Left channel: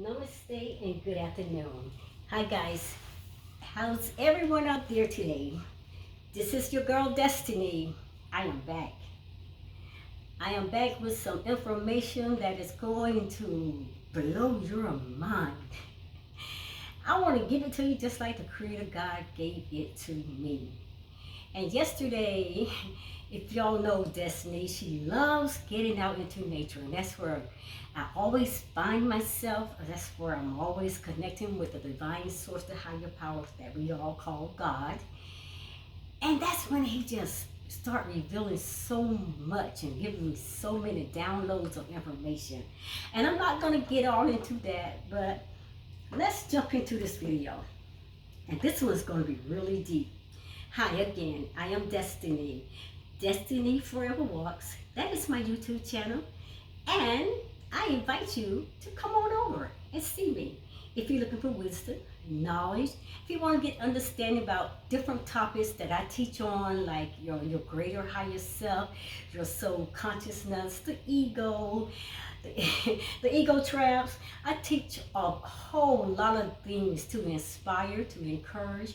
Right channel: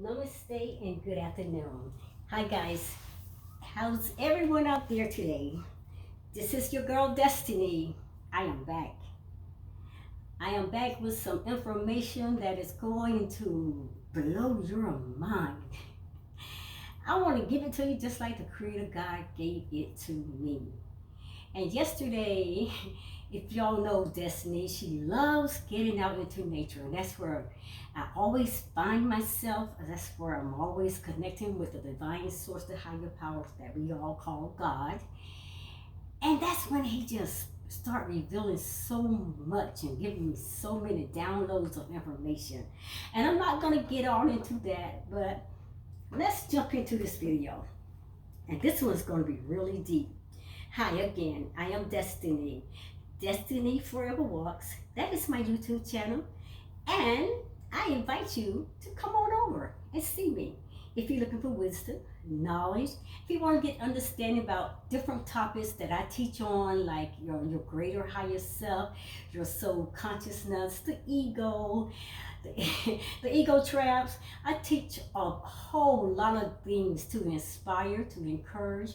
Namaste and good afternoon. Hi guys, how's everyone out there today? This is your girl Destiny. I am back. I am back with some information that is going to blow your mind. I want to give it to you just like the Creator God gave it to me. And yesterday, if y'all know Destiny, she loves getting out into nature, and that's where I always find myself. That's where I'm always connecting with the divine source, the higher power that we all call God. And that's when he just start revealing so much and giving me so many downloads of information. And I'm not going to get all into that, but let's jump into this video. And this one's going to be really deep. Hi again, I am Destiny. Destiny Forever Walks. That is my YouTube channel. And I invite you to come on over and see me. If you're looking for wisdom, knowledge, if you want to get understanding about different topics that I teach on, like your greater higher self, your soul consciousness, the ego, the ego traps. I teach a whole lot of things to inspire, to encourage,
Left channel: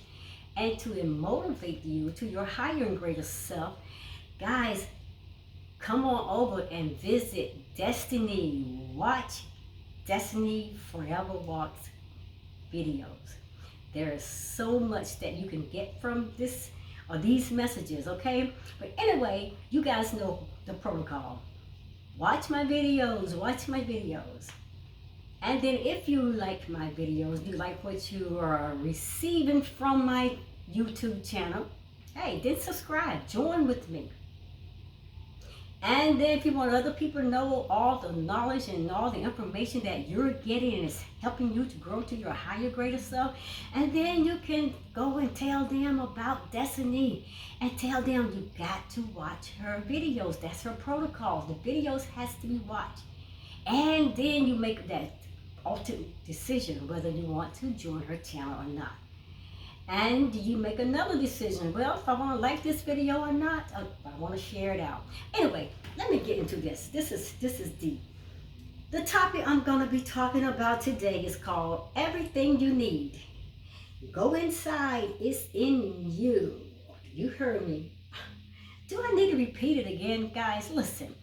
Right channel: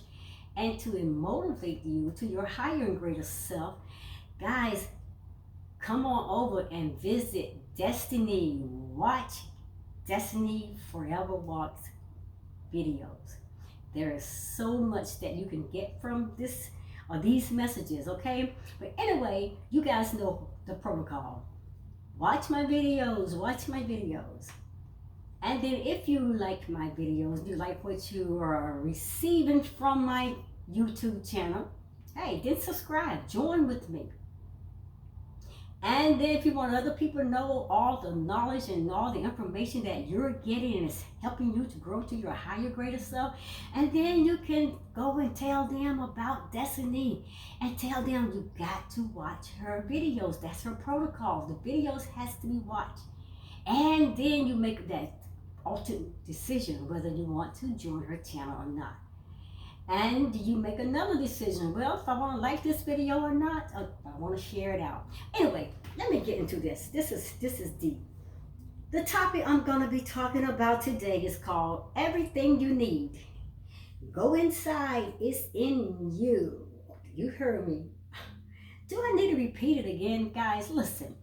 and to motivate you to your higher and greater self. Guys, come on over and visit Destiny. Watch Destiny Forever Walks videos. There is so much that you can get from this or these messages, okay? But anyway, you guys know the protocol. Watch my videos, And then if you like my videos, you like what you are receiving from my YouTube channel, hey, then subscribe, join with me. And then if you want other people to know all the knowledge and all the information that you're getting and it's helping you to grow to your higher, greater self, and then you can go and tell them about Destiny and tell them you got to watch her videos. That's her protocol. The videos has to be watched. And then you make that ultimate decision whether you want to join her channel or not. And you make another decision. Well, if I want to like this video or not, or if I want to share it out. Anyway, let me get into this. This is deep. The topic I'm going to be talking about today is called Everything You Need. Go inside. It's in you. You heard me. Do I need to repeat it again, guys? Listen.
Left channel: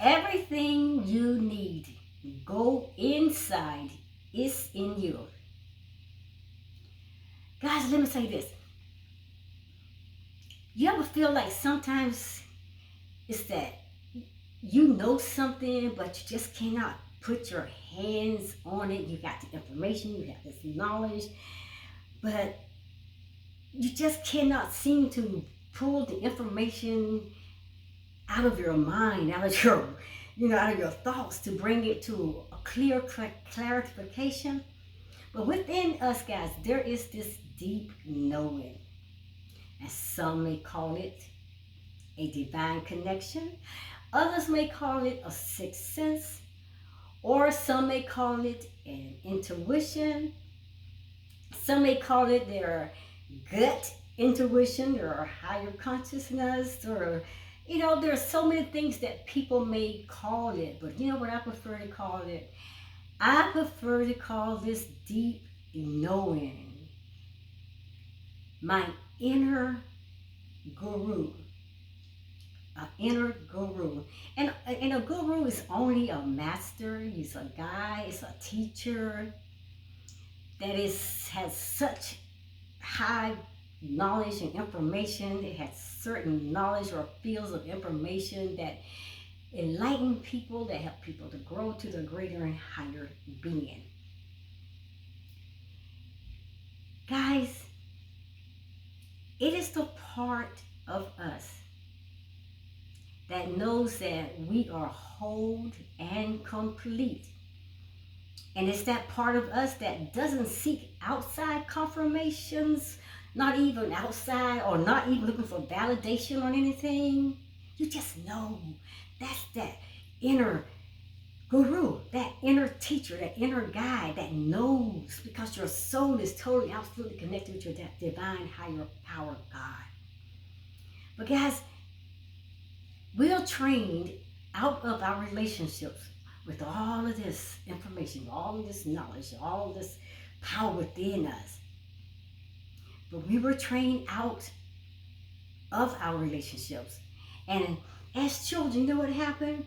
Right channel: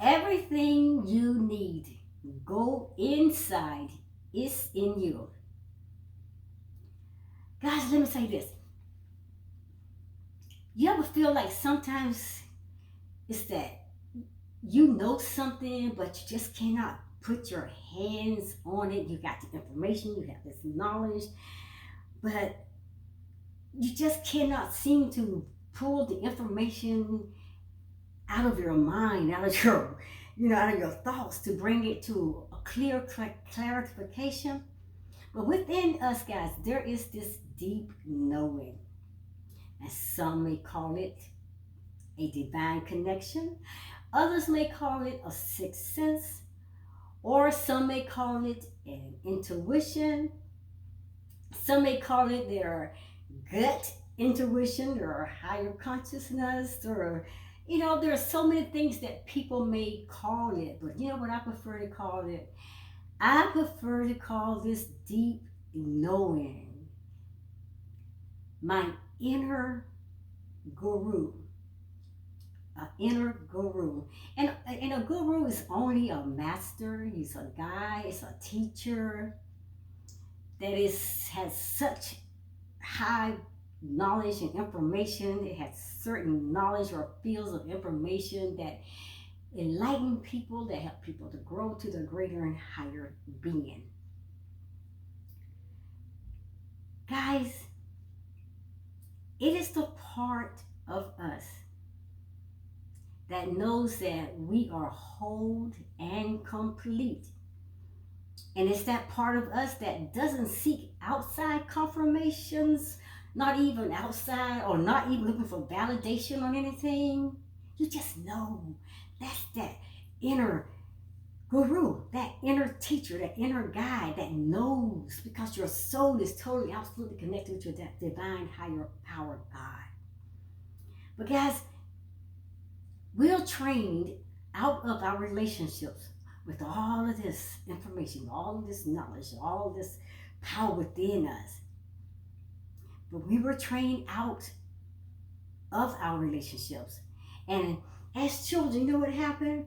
Everything you need. Go inside. It's in you. Guys, let me say this. You ever feel like sometimes it's that you know something, but you just cannot put your hands on it? You got the information, you have this knowledge, but you just cannot seem to pull the information out of your mind, out of your, out of your thoughts to bring it to a clear clarification. But within us, guys, there is this deep knowing. And some may call it a divine connection. Others may call it a sixth sense. Or some may call it an intuition. Some may call it their gut intuition or higher consciousness. Or, there are so many things that people may call it. But you know what I prefer to call it? I prefer to call this deep knowing. My inner guru. An inner guru. And a guru is only a master. He's a guy. It's a teacher that has such high knowledge and information. It has certain knowledge or fields of information that enlighten people, that help people to grow to their greater and higher being. Guys, it is the part of us that knows that we are whole and complete. And it's that part of us that doesn't seek outside confirmations, not even outside or not even looking for validation on anything. You just know. That's that inner guru, that inner teacher, that inner guide that knows, because your soul is totally, absolutely connected with your divine higher power God. But guys, we're trained out of our relationships. with all of this information, all of this knowledge, all of this power within us. But we were trained out of our relationships. And as children, you know what happened?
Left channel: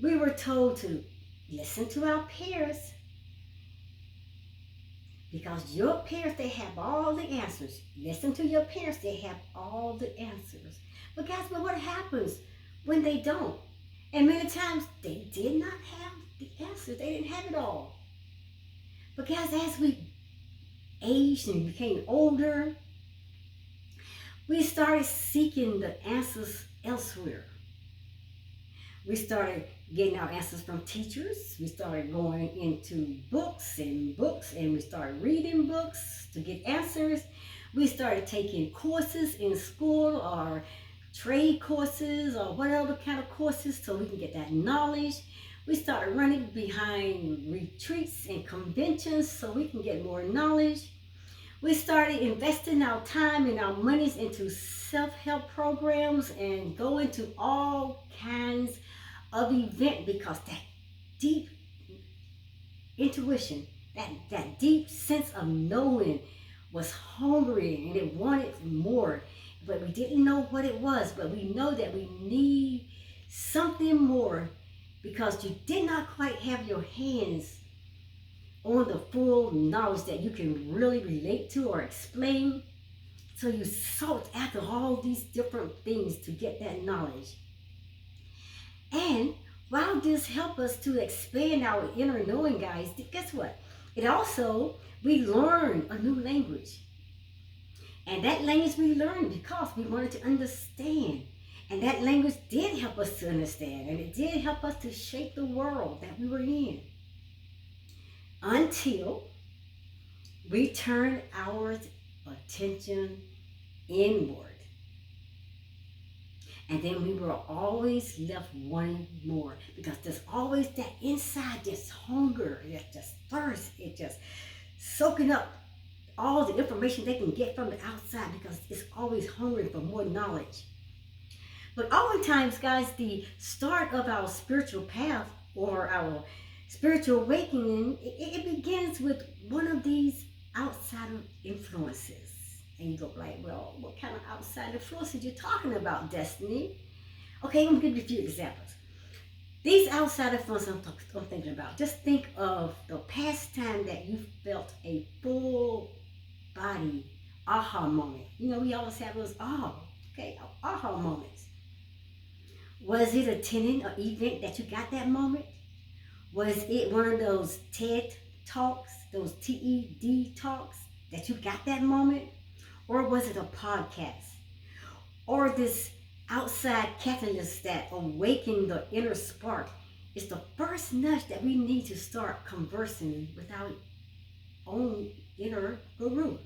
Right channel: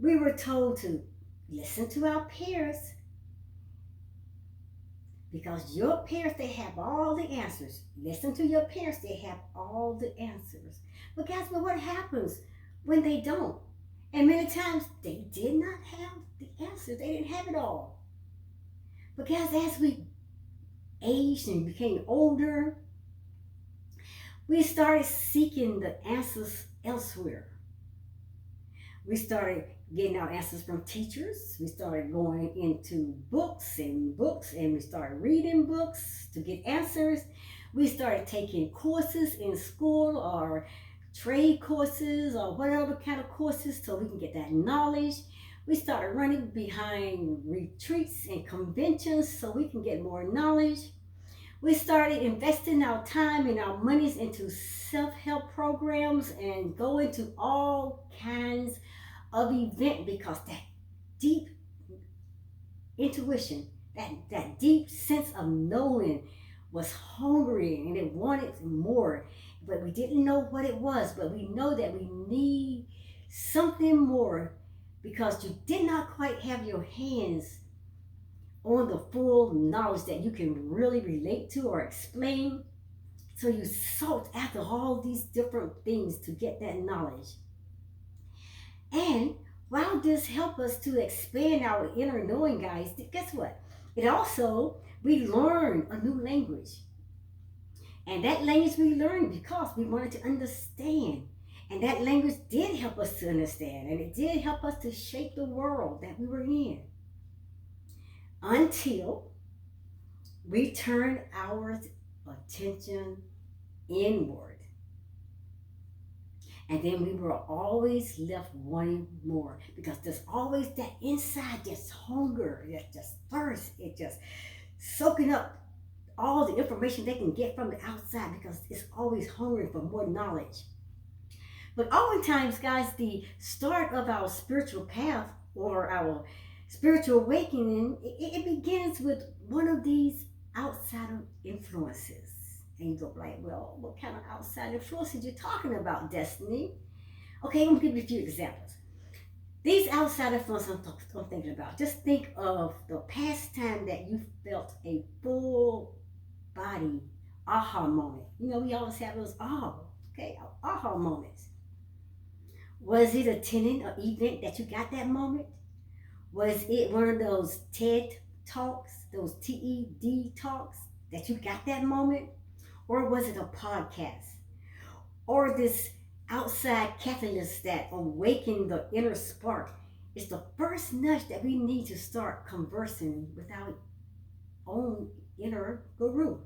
We were told to listen to our parents, because your parents, they have all the answers. Listen to your parents, they have all the answers. But guys, what happens when they don't? And many times they did not have the answers. They didn't have it all. But guys, as we aged and became older, we started seeking the answers elsewhere. We started getting our answers from teachers. We started going into books, and we started reading books to get answers. We started taking courses in school or trade courses or whatever kind of courses so we can get that knowledge. We started running behind retreats and conventions so we can get more knowledge. We started investing our time and our monies into self-help programs and going to all kinds of events, because that deep intuition, that deep sense of knowing was hungry and it wanted more. But we didn't know what it was, but we know that we need something more, because you did not quite have your hands on the full knowledge that you can really relate to or explain. So you sought after all these different things to get that knowledge. And while this helped us to expand our inner knowing, guys, guess what? It also, we learned a new language. And that language we learned because we wanted to understand. And that language did help us to understand. And it did help us to shape the world that we were in. Until we turned our attention inward. And then we were always left wanting more, because there's always that inside, just hunger, just thirst, it just soaking up all the information they can get from the outside, because it's always hungry for more knowledge. But oftentimes, guys, the start of our spiritual path or our spiritual awakening, it begins with one of these outside influences. And you go like, well, what kind of outside influence are you talking about, Destiny? Okay, I'm going to give you a few examples. These outside influences I'm thinking about, just think of the past time that you felt a full body aha moment. You know, we always have those aha moments. Was it attending an event that you got that moment? Was it one of those TED talks, those TED talks that you got that moment? Or was it a podcast? Or this outside catalyst that awakened the inner spark? It's the first nudge that we need to start conversing with our own inner guru.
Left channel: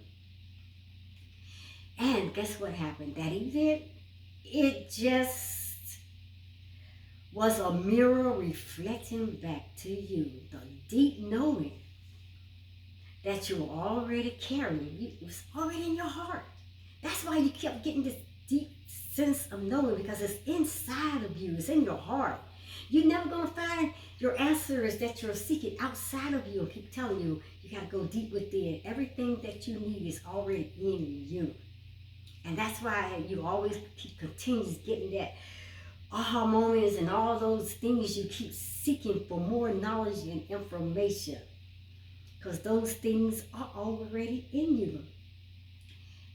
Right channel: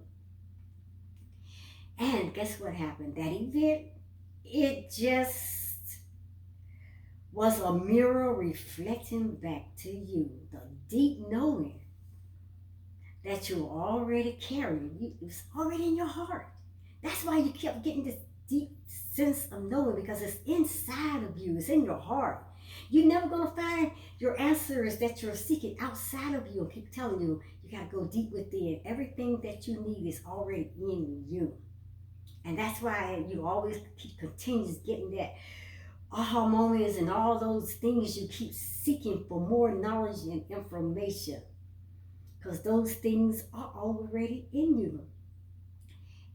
And guess what happened? That event, it just was a mirror reflecting back to you the deep knowing that you were already carrying. It was already in your heart. That's why you kept getting this deep sense of knowing, because it's inside of you. It's in your heart. You're never going to find your answers that you're seeking outside of you. I keep telling you, you got to go deep within. Everything that you need is already in you. And that's why you always keep continues getting that aha moments and all those things you keep seeking for more knowledge and information. Because those things are already in you.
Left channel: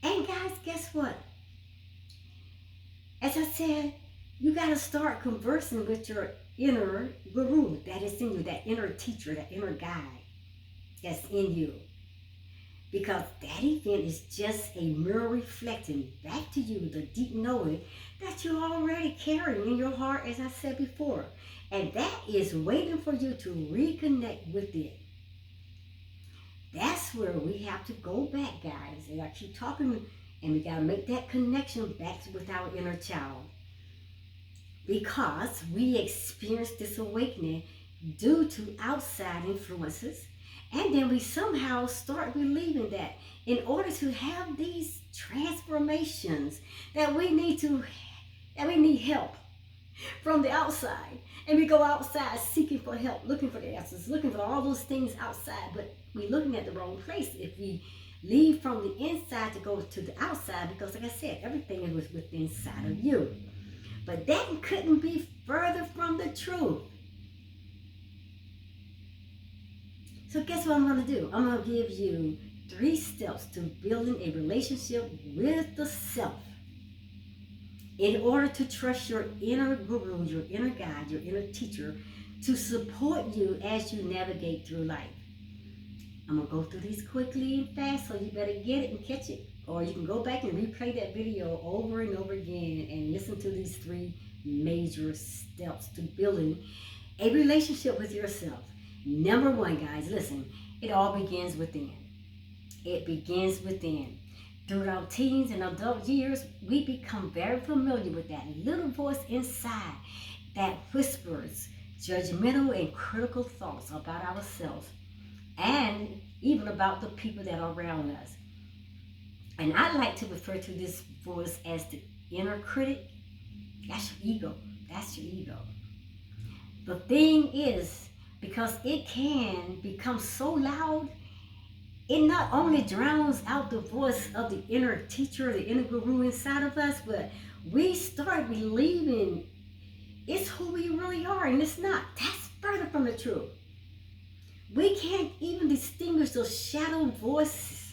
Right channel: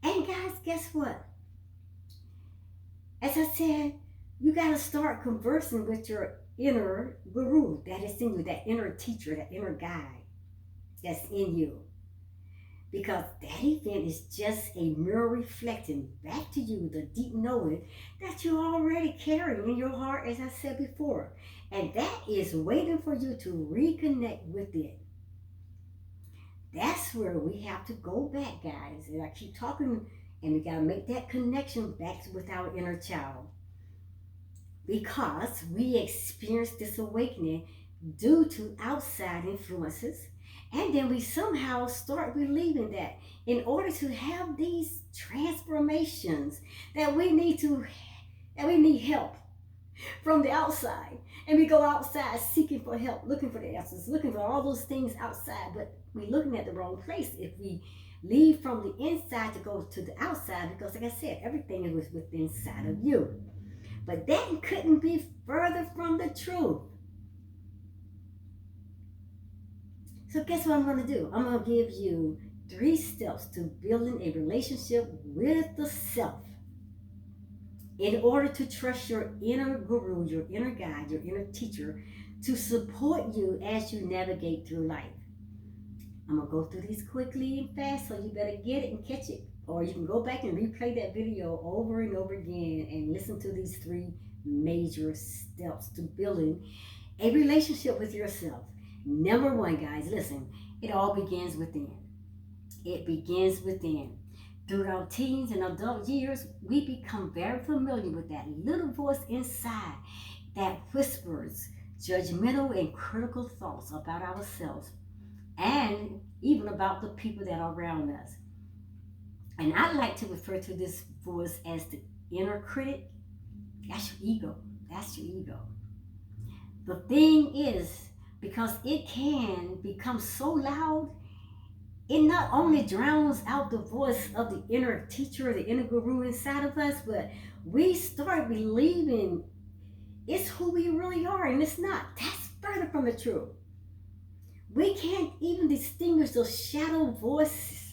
And guys, guess what? As I said, you got to start conversing with your inner guru that is in you, that inner teacher, that inner guide that's in you. Because that event is just a mirror reflecting back to you the deep knowing that you're already carrying in your heart, as I said before. And that is waiting for you to reconnect with it. That's where we have to go back, guys. And I keep talking, and we got to make that connection back with our inner child. Because we experience this awakening due to outside influences. And then we somehow start believing that in order to have these transformations, that we need help from the outside. And we go outside seeking for help, looking for the answers, looking for all those things outside, but we're looking at the wrong place if we leave from the inside to go to the outside, because like I said, everything is within inside of you. But that couldn't be further from the truth. So guess what I'm going to do? I'm going to give you 3 steps to building a relationship with the self in order to trust your inner guru, your inner guide, your inner teacher to support you as you navigate through life. I'm going to go through these quickly and fast, so you better get it and catch it. Or you can go back and replay that video over and over again and listen to these 3 major steps to building a relationship with yourself. Number 1, guys, listen, it all begins within. It begins within. Through our teens and adult years, we become very familiar with that little voice inside that whispers judgmental and critical thoughts about ourselves and even about the people that are around us. And I like to refer to this voice as the inner critic. That's your ego. That's your ego. The thing is, because it can become so loud, it not only drowns out the voice of the inner teacher, the inner guru inside of us, but we start believing it's who we really are, and it's not. That's further from the truth. We can't even distinguish those shadow voices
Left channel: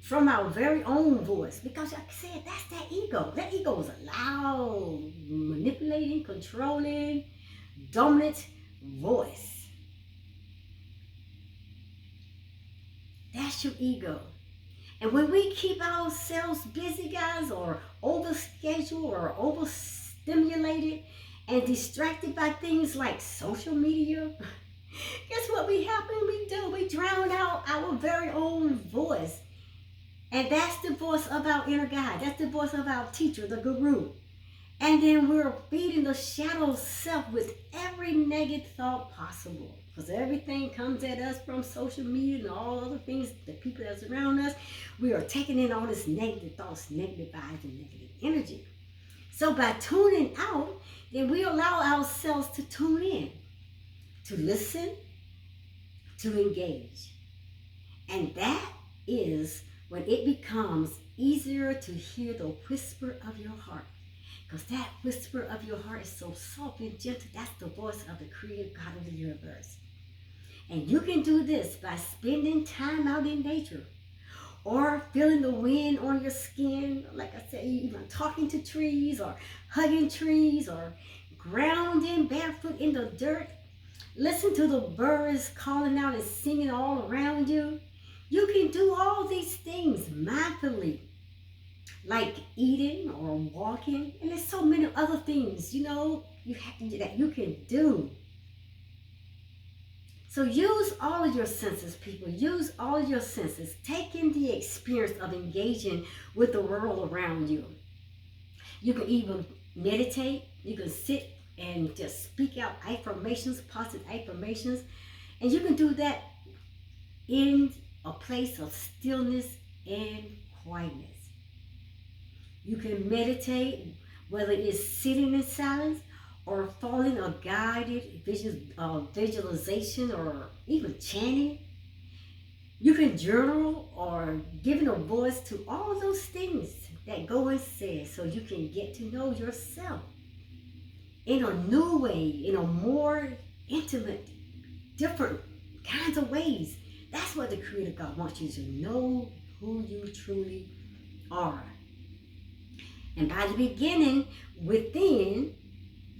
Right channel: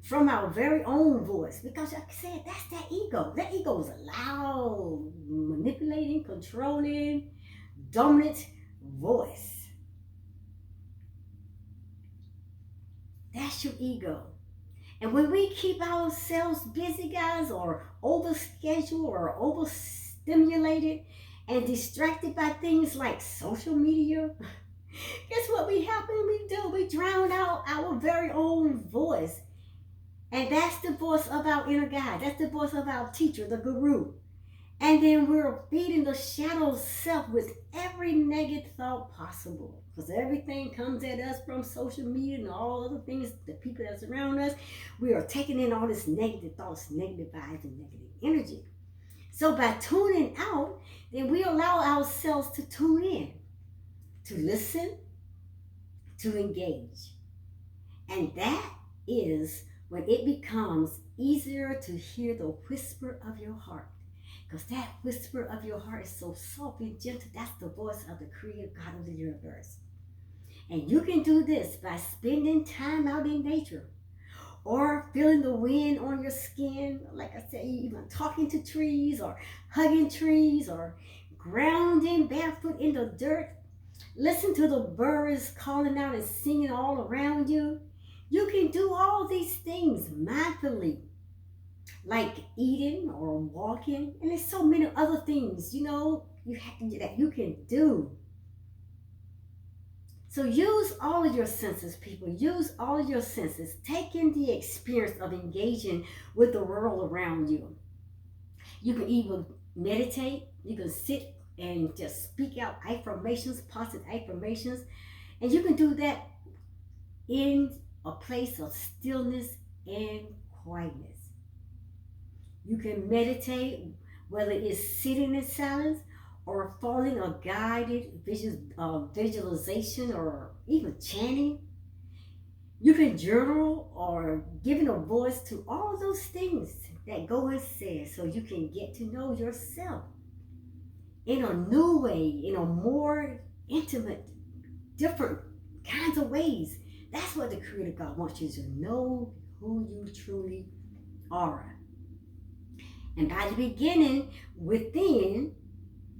from our very own voice, because like I said, that's that ego. That ego is a loud, manipulating, controlling, dominant voice. That's your ego. And when we keep ourselves busy, guys, or overscheduled or overstimulated and distracted by things like social media, guess what we do? We drown out our very own voice. And that's the voice of our inner guide. That's the voice of our teacher, the guru. And then we're feeding the shadow self with every negative thought possible. Because everything comes at us from social media and all other things, the people that's around us. We are taking in all this negative thoughts, negative vibes, and negative energy. So by tuning out, then we allow ourselves to tune in, to listen, to engage. And that is when it becomes easier to hear the whisper of your heart. Because that whisper of your heart is so soft and gentle. That's the voice of the creator God of the universe. And you can do this by spending time out in nature, or feeling the wind on your skin. Like I said, even talking to trees, or hugging trees, or grounding barefoot in the dirt. Listen to the birds calling out and singing all around you. You can do all these things mindfully, like eating or walking, and there's so many other things, you that you can do. So use all of your senses, people. Use all of your senses. Take in the experience of engaging with the world around you. You can even meditate. You can sit and just speak out affirmations, positive affirmations, and you can do that in a place of stillness and quietness. You can meditate, whether it's sitting in silence or following a guided visualization or even chanting. You can journal or giving a voice to all those things that go unsaid, so you can get to know yourself in a new way, in a more intimate, different kinds of ways. That's what the Creator God wants you to know, who you truly are. And by the beginning within,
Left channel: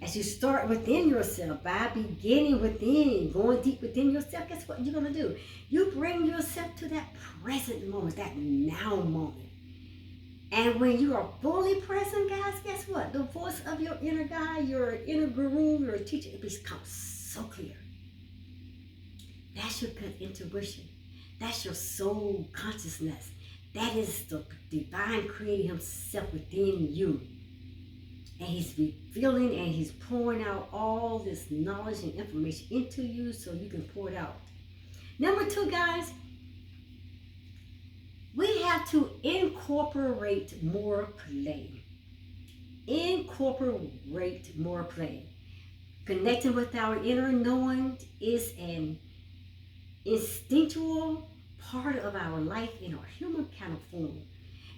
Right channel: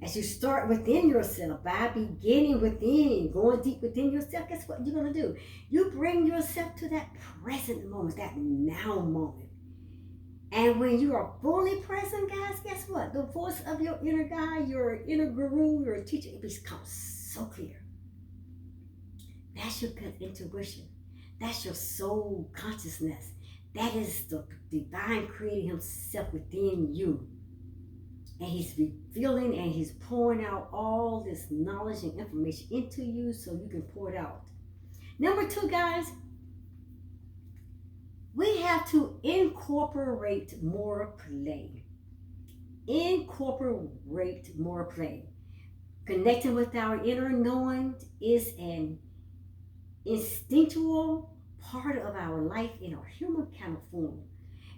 as you start within yourself, by beginning within, going deep within yourself, guess what you're going to do? You bring yourself to that present moment, that now moment. And when you are fully present, guys, guess what? The voice of your inner guide, your inner guru, your teacher, it becomes so clear. That's your gut intuition. That's your soul consciousness. That is the divine creator himself within you. And he's revealing and he's pouring out all this knowledge and information into you so you can pour it out. Number 2, guys, we have to incorporate more play. Incorporate more play. Connecting with our inner knowing is an instinctual part of our life in our human kind of form.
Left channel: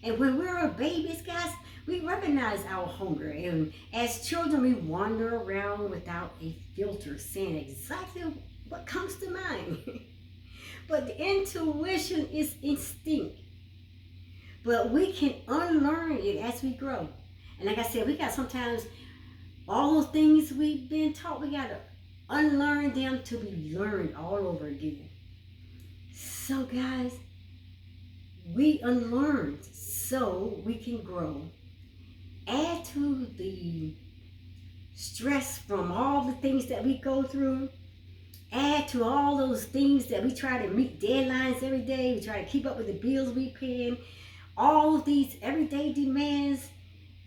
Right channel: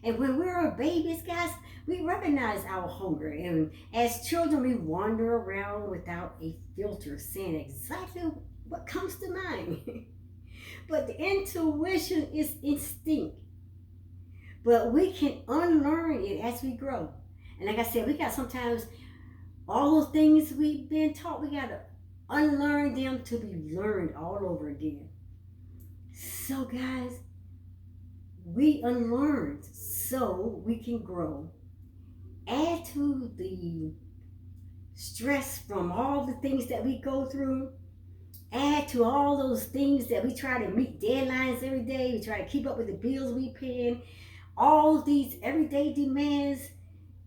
And when we're babies, guys, we recognize our hunger. And as children, we wander around without a filter, saying exactly what comes to mind. But the intuition is instinct. But we can unlearn it as we grow. And like I said, we got sometimes all those things we've been taught, we got to unlearn them to be learned all over again. So, guys, we unlearned so we can grow. Add to the stress from all the things that we go through. Add to all those things that we try to meet deadlines every day. We try to keep up with the bills we pay. All these everyday demands.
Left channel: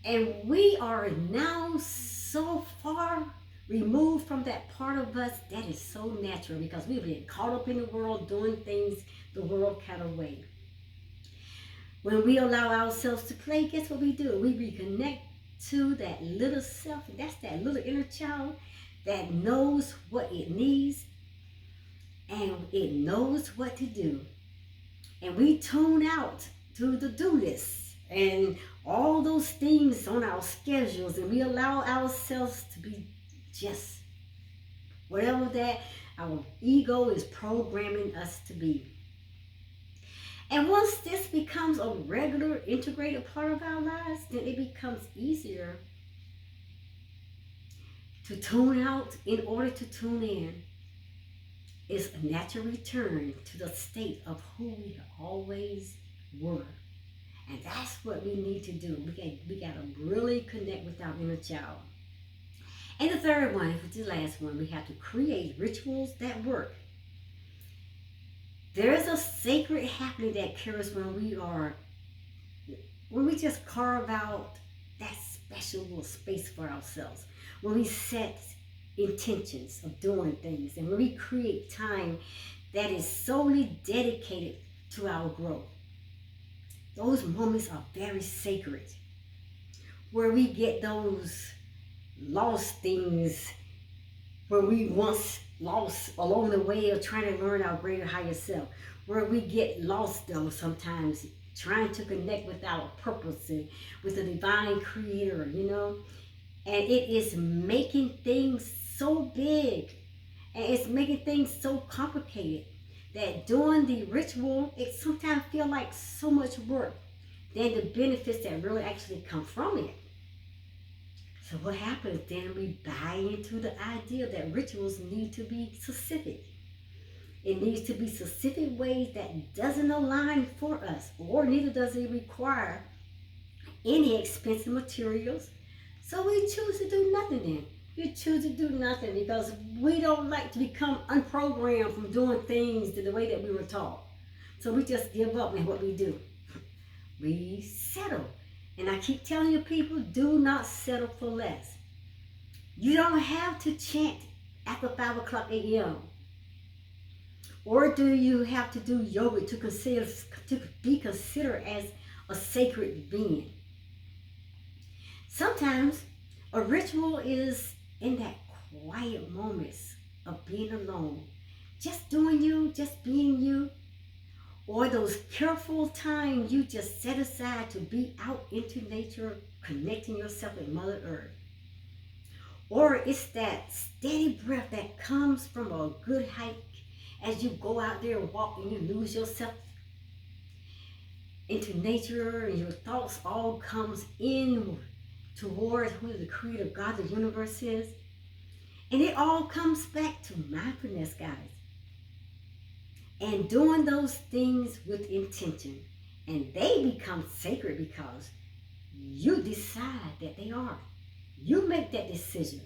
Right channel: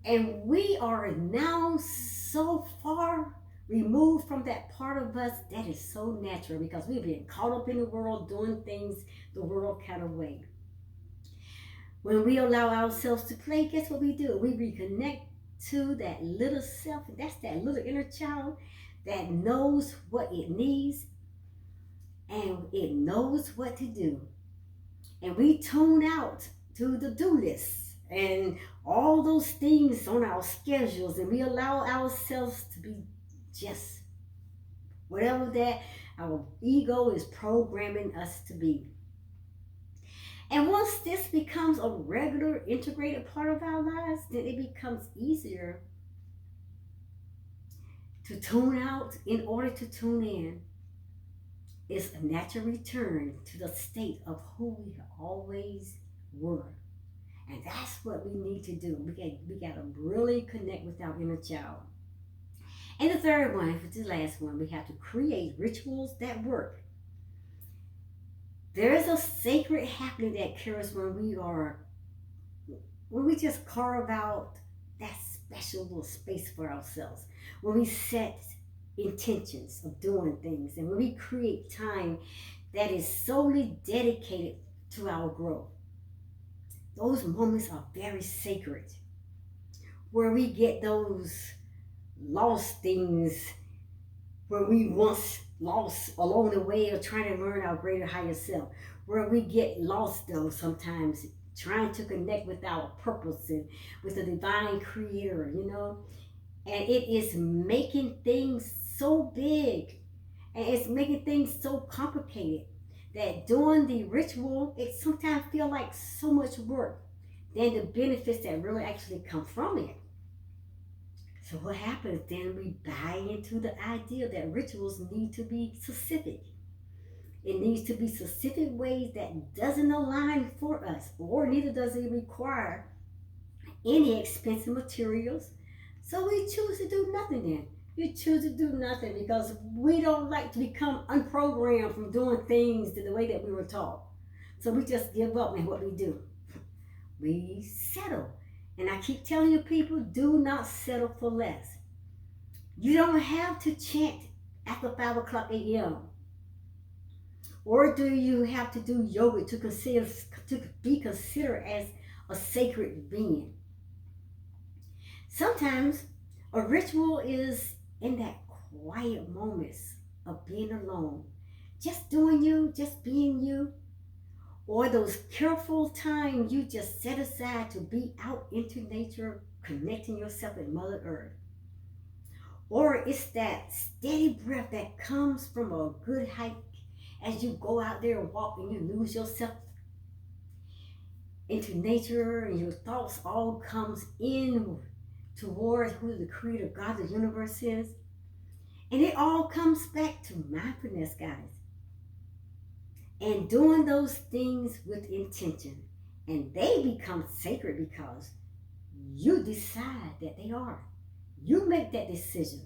And we are now so far removed from that part of us that is so natural because we've been caught up in the world doing things the world kind of way. When we allow ourselves to play, guess what we do? We reconnect to that little self. That's that little inner child that knows what it needs and it knows what to do. And we tune out to the do list and all those things on our schedules, and we allow ourselves to be just whatever that our ego is programming us to be. And once this becomes a regular integrated part of our lives, then it becomes easier to tune out in order to tune in. It's a natural return to the state of who we always were. And that's what we need to do. We got to really connect with our inner child. And the third one, which is the last one, we have to create rituals that work. There is a sacred happening that occurs when we just carve out that special little space for ourselves. When we set intentions of doing things, and when we create time that is solely dedicated to our growth. Those moments are very sacred, where we get those lost things where we once lost along the way of trying to learn our greater higher self, where we get lost though sometimes trying to connect with our purpose and with the divine creator, you know. And it is making things so big and it's making things so complicated that doing the ritual, it sometimes feels like so much work than the benefits that really actually come from it. So what happens then, we buy into the idea that rituals need to be specific. It needs to be specific ways that doesn't align for us, or neither does it require any expensive materials. So we choose to do nothing then. We choose to do nothing because we don't like to become unprogrammed from doing things the way that we were taught. So we just give up, and what we do, we settle. And I keep telling you people, do not settle for less. You don't have to chant after 5 o'clock a.m. Or do you have to do yoga to be considered as a sacred being? Sometimes a ritual is in that quiet moments of being alone, just doing you, just being you, or those careful times you just set aside to be out into nature, connecting yourself with Mother Earth. Or it's that steady breath that comes from a good hike as you go out there and walk and you lose yourself into nature and your thoughts all comes in towards who the creator God of the universe is. And it all comes back to mindfulness, guys. And doing those things with intention. And they become sacred because you decide that they are. You make that decision.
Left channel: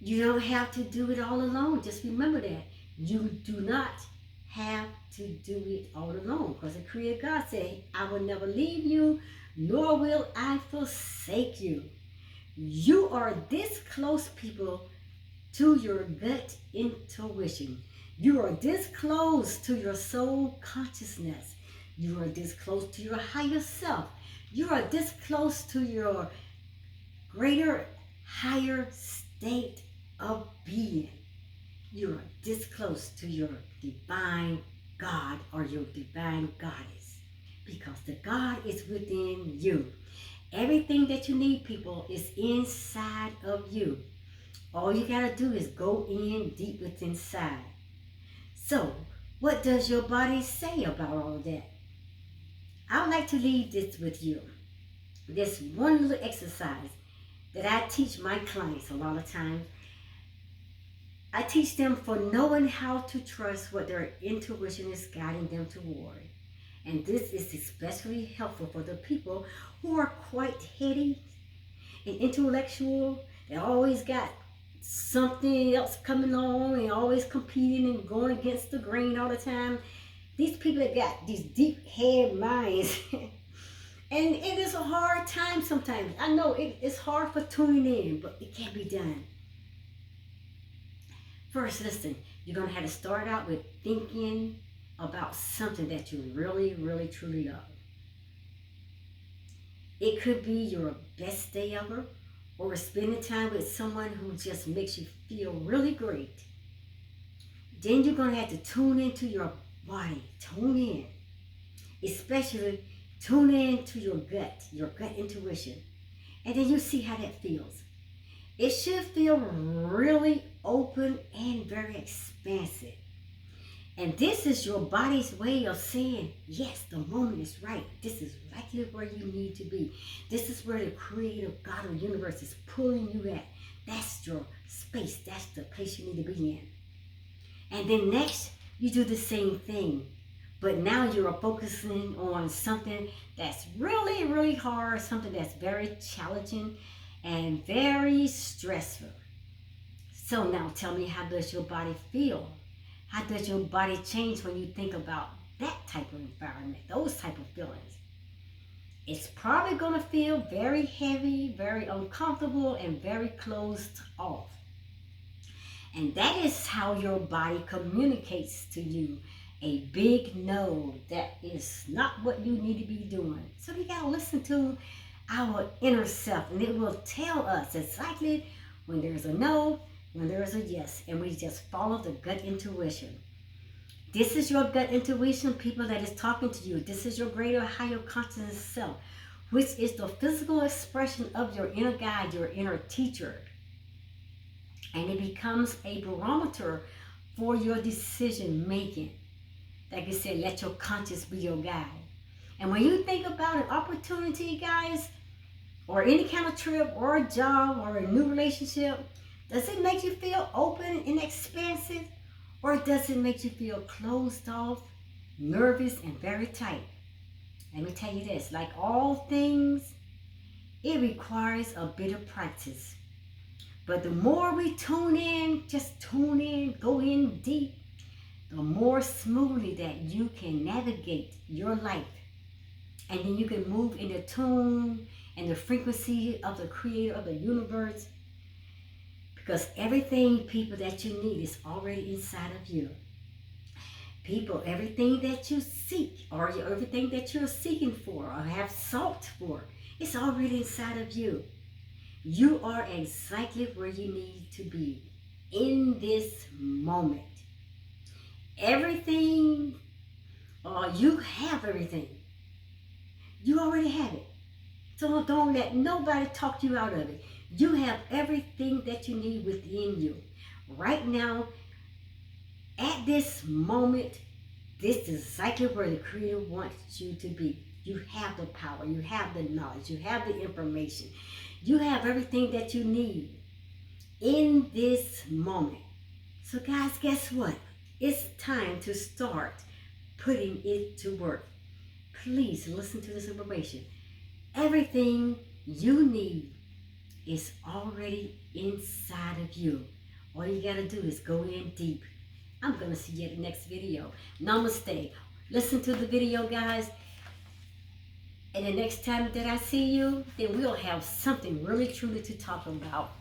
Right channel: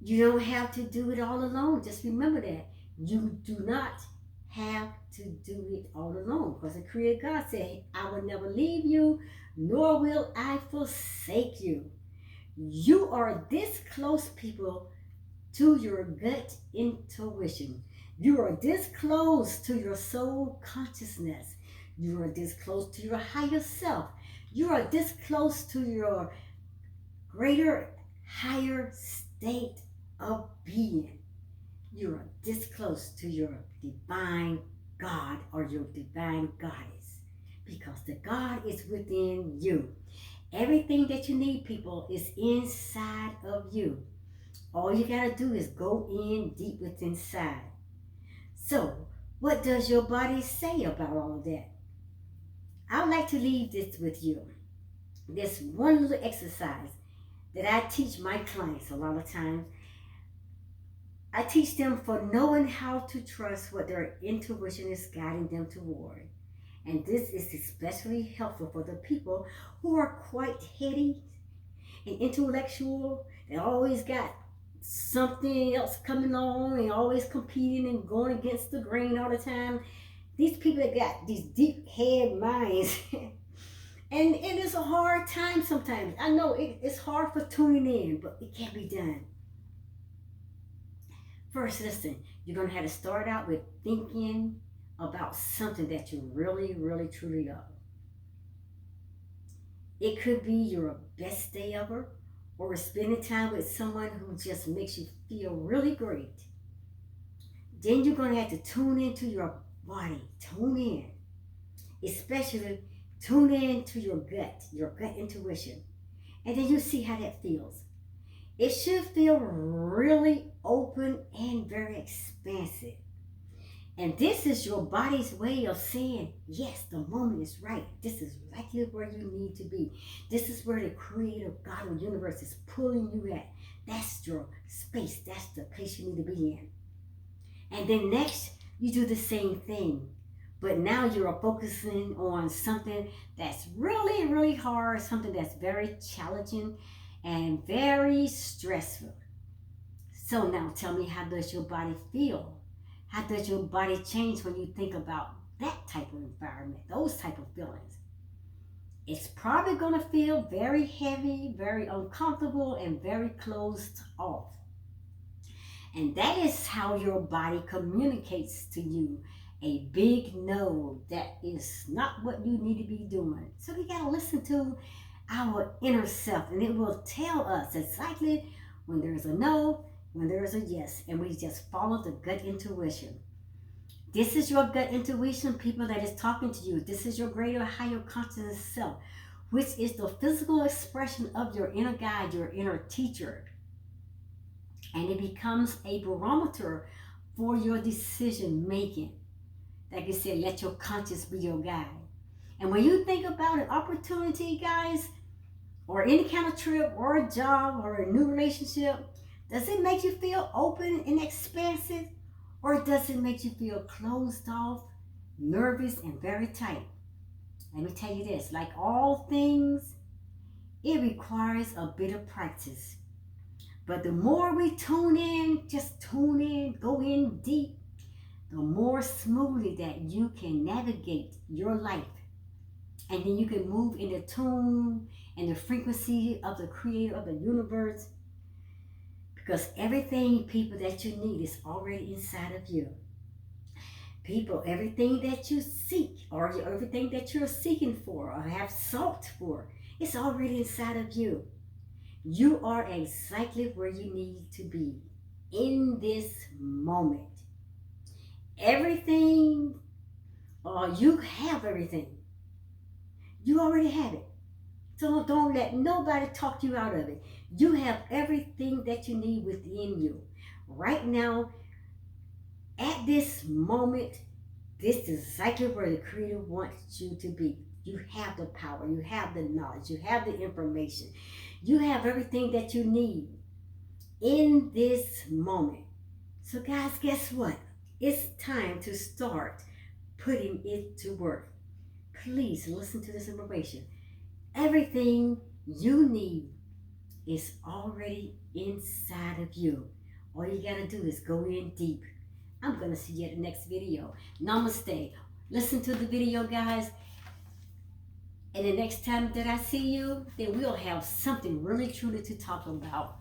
You don't have to do it all alone. Just remember that. You do not have to do it all alone. Because the Creator God said, I will never leave you, nor will I forsake you. You are this close, people, to your gut intuition. You are this close to your soul consciousness. You are this close to your higher self. You are this close to your greater, higher state of being. You are this close to your divine God or your divine goddess because the God is within you. Everything that you need, people, is inside of you. All you gotta do is go in deep within inside. So, what does your body say about all of that? I would like to leave this with you. This one little exercise that I teach my clients a lot of times. I teach them for knowing how to trust what their intuition is guiding them toward. And this is especially helpful for the people who are quite heady and intellectual. They always got something else coming on and always competing and going against the grain all the time. These people that got these deep head minds. And it is a hard time sometimes. I know it's hard for tuning in, but it can be done. First, listen, you're going to have to start out with thinking about something that you really, really, truly love. It could be your best day ever, or spending time with someone who just makes you feel really great. Then you're going to have to tune into your body. Tune in. Especially tune in to your gut intuition. And then you see how that feels. It should feel really open and very expansive. And this is your body's way of saying, yes, the moment is right. This is exactly where you need to be. This is where the creator God or universe is pulling you at. That's your space. That's the place you need to be in. And then next, you do the same thing. But now you're focusing on something that's really, really hard, something that's very challenging and very stressful. So now tell me, how does your body feel? How does your body change when you think about that type of environment, those type of feelings? It's probably going to feel very heavy, very uncomfortable, and very closed off. And that is how your body communicates to you. A big no, that is not what you need to be doing. So we got to listen to our inner self, and it will tell us exactly when there's a no, when there's a yes, and we just follow the gut intuition. This is your gut intuition, people, that is talking to you. This is your greater, higher consciousness self, which is the physical expression of your inner guide, your inner teacher. And it becomes a barometer for your decision making. Like I said, let your conscience be your guide. And when you think about an opportunity, guys, or any kind of trip or a job or a new relationship, does it make you feel open and expansive? Or does it make you feel closed off, nervous, and very tight? Let me tell you this, like all things, it requires a bit of practice. But the more we tune in, just tune in, go in deep, the more smoothly that you can navigate your life. And then you can move in the tune and the frequency of the creator of the universe. Because everything, people, that you need is already inside of you. People, everything that you seek or everything that you're seeking for or have sought for, it's already inside of you. You are exactly where you need to be in this moment. Everything, you have everything. You already have it. So don't let nobody talk you out of it. You have everything that you need within you. Right now, at this moment, this is exactly where the Creator wants you to be. You have the power, you have the knowledge, you have the information. You have everything that you need in this moment. So guys, guess what? It's time to start putting it to work. Please listen to this information. Everything you need is already inside of you. All you got to do is go in deep. I'm going to see you at the next video. Namaste. Listen to the video, guys. And the next time that I see you, then we'll have something really truly to talk about.